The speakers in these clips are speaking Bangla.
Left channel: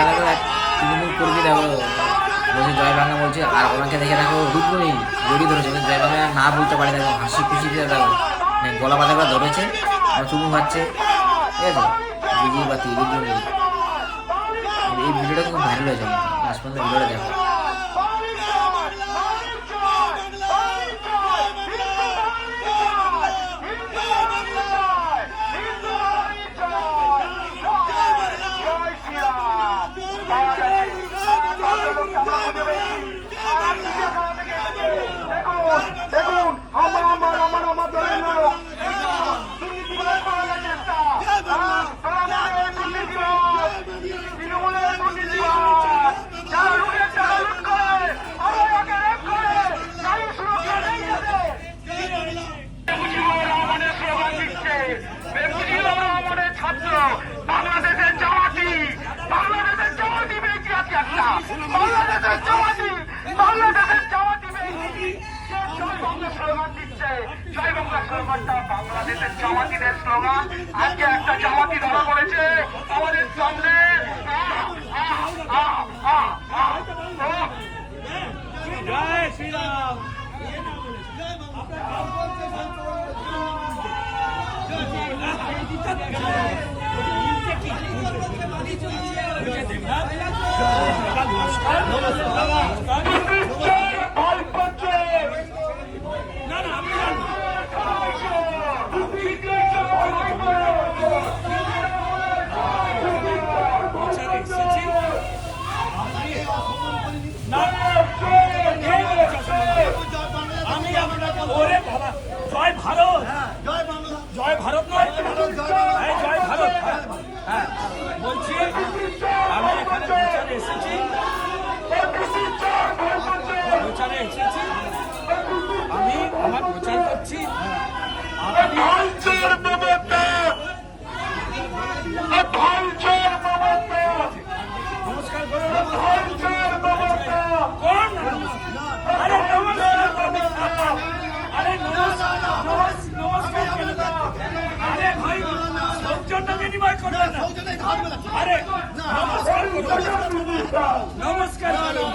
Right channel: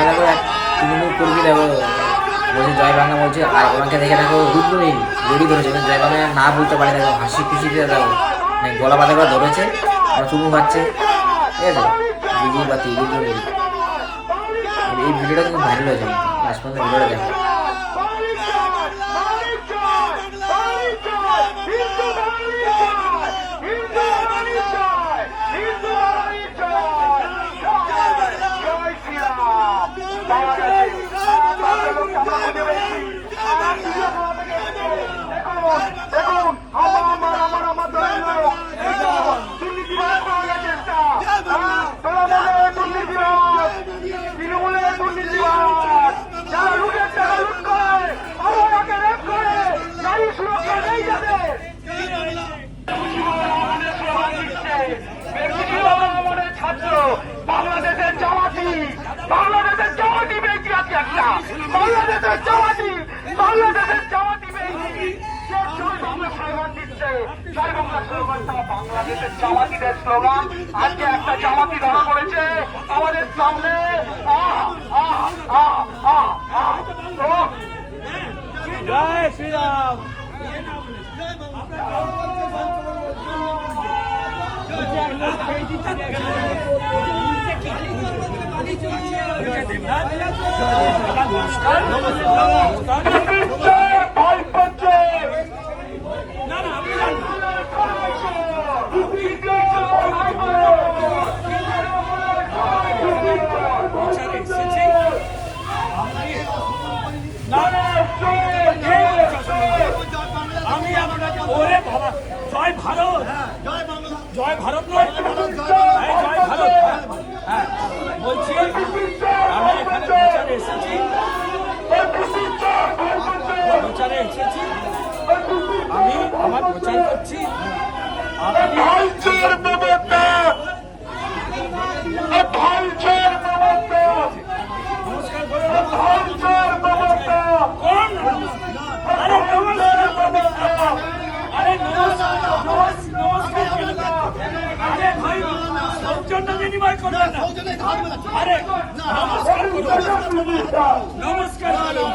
এখানে দেখো এক তৃণমূল কর্মী দেখো বলছে জয় বাংলা বলছে, আর ওনাকে দেখে দেখো রুদ্রনীল জড়ি ধরেছে, মানে জয় বাংলা না বলতে পারে দেখো, হাসি খুশিতে দেখো মানে গলা বাঁধা করে ধরেছে, আর চুমু খাচ্ছে, ঠিক আছে, বিজয়ী বাতি রুদ্রনীল। এই ভিডিওটা কিন্তু ভাইরাল হয়েছে, লাস্ট পর্যন্ত ভিডিওটা দেখো। বাংলাদেশের জামাতিদের স্লোগান আজকে একটা জামাতি ধরা পড়েছে আমাদের সামনে। জয় শ্রীরাম। জয় ভারত, জয় ভারত নয়, জয় ভারত। হ্যাঁ বলছি, আমি এখানে প্রচারে এসেছি, আমি আমার প্রচার করছি। নমস্কার করুন। আরে নমস্কার, আরে ভাই সৌজন্য বিনিময় করবেন না। আরে নমস্কার করুন, নমস্কার করুন।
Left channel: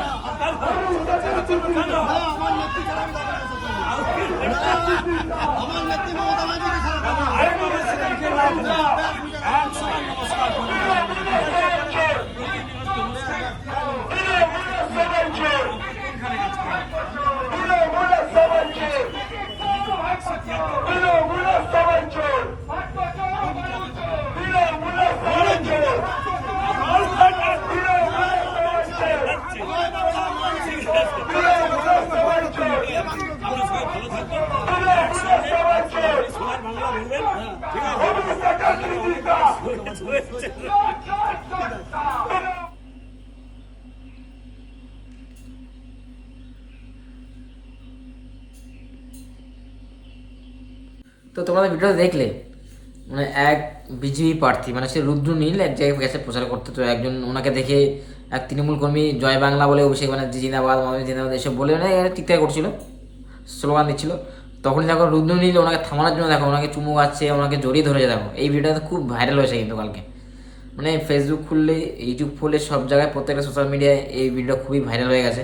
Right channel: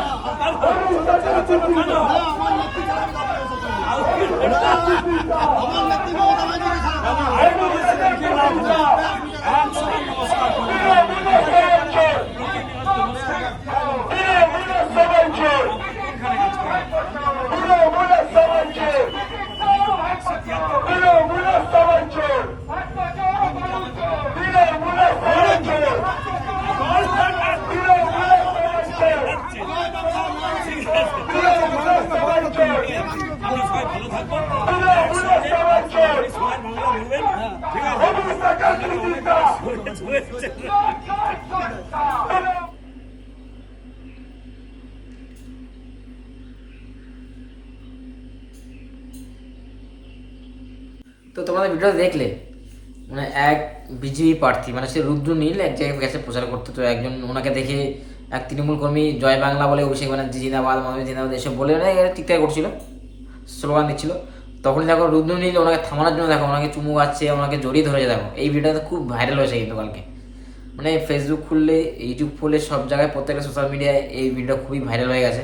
তো তোমরা ভিডিওটা দেখলে, মানে এক বিজেপি প্রার্থী মানে সে রুদ্রনীল এক জায়গায় গেছে প্রচার করতে, তো একজন ওনাকে দেখে এক তৃণমূল কর্মী জয় বাংলা বলে অভিষেক ব্যানার্জি জিন্দাবাদ, মমতা জিন্দাবাদ এসব বলে টিকটাক করছিল, স্লোগান দিচ্ছিল। তখনই দেখো রুদ্রনীল ওনাকে থামানোর জন্য দেখো ওনাকে চুমু খাচ্ছে, ওনাকে জড়িয়ে ধরেছে। দেখো এই ভিডিওটা খুব ভাইরাল হয়েছে কিন্তু কালকে, মানে ফেসবুক খুললে, ইউটিউব খুললে, সব জায়গায় প্রত্যেকটা সোশ্যাল মিডিয়ায় এই ভিডিওটা খুবই ভাইরাল হয়ে গেছে।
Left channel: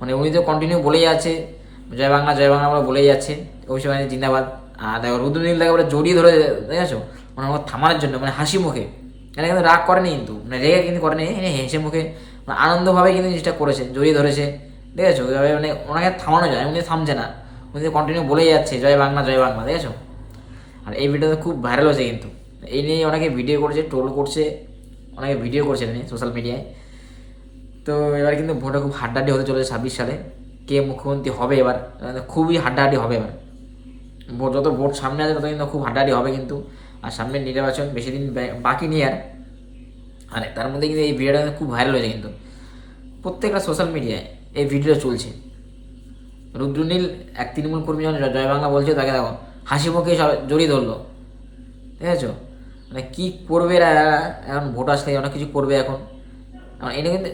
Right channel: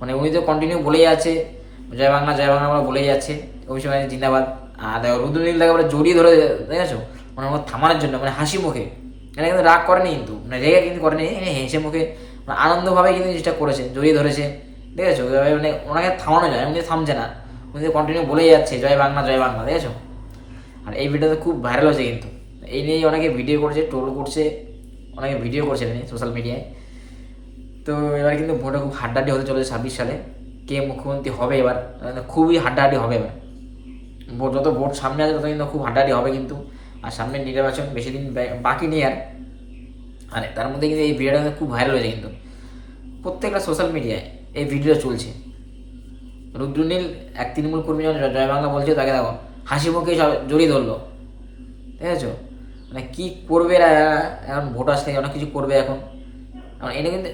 মানে উনি তো কন্টিনিউ বলেই আছে জয় বাংলা বলে বলেই যাচ্ছে, অভিষেক ব্যানার্জি জিন্দাবাদ। আর দেখো রুদ্রনীল দেখো বলে জড়িয়ে ধরে, দেখেছো, মানে ওনাকে থামানোর জন্য, মানে হাসি মুখে, মানে কিন্তু রাগ করেনি কিন্তু, মানে রেগে কিন্তু করেনি, হেসে মুখে মানে আনন্দভাবে কিন্তু জিনিসটা করেছে, জড়িয়ে ধরেছে, দেখেছো, মানে ওনাকে থামানো যায়, উনি থামছে না, উনি কন্টিনিউ বলেই যাচ্ছে জয় বাংলা, দেখেছো। আর এই ভিডিওটা খুব ভাইরাল হয়েছে কিন্তু, এই নিয়েই অনেকে ভিডিও করছে, ট্রোল করছে, অনেকে ভিডিও করছে নিয়ে সোশ্যাল মিডিয়ায়। তো এবার কিন্তু ভোটে খুব হাড্ডাহাড্ডি হতে চলেছে 26 সালে, কে মুখ্যমন্ত্রী হবে এবার, খুবই হাড্ডাহাড্ডি হবে এবার। যত ভোট সামনে আছে তত কিন্তু খুব হাড্ডাহাড্ডি হবে কিন্তু। আর সামনে নির্বাচন বেশি দিন বাকি নেই আর, তার মধ্যে কিন্তু এই ভিডিওটা কিন্তু খুব ভাইরাল হয়েছে কিন্তু, প্রত্যেকটা সোশ্যাল মিডিয়ায় এই ভিডিও চলছে। রুদ্রনীল এক তৃণমূল কর্মী যখন জয় বাংলা বলছে, তাকে দেখো হাসি মুখে সব জড়িয়ে ধরলো, ঠিক আছে। মানে কী করবে এরা, এখন ভোট আসলে অনেক কিছু করবে এখন। এটা কিন্তু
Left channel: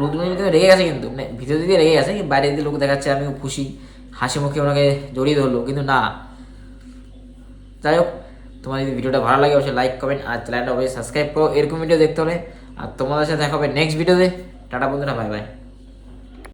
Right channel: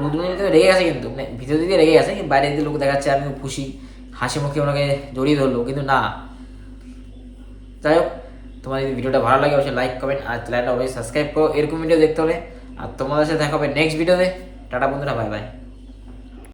রুদ্রনীল কিন্তু রেগে গেছে কিন্তু, মানে ভিতর দিকে রেগে গেছে, বাইরে দিকে লোক দেখাচ্ছে আমি খুশি, হাসি মুখে ওনাকে জড়িয়ে ধরলো, কিন্তু না। যাই হোক, তোমার যদি ভিডিওটা ভালো লাগে অবশ্যই লাইক কমেন্ট আর চ্যানেলটা অবশ্যই সাবস্ক্রাইব করো এরকম ভিডিও দেখতে হলে। আর তোমাদের সাথে দেখা হবে নেক্সট ভিডিওতে। টাটা বন্ধুরা, বাই বাই।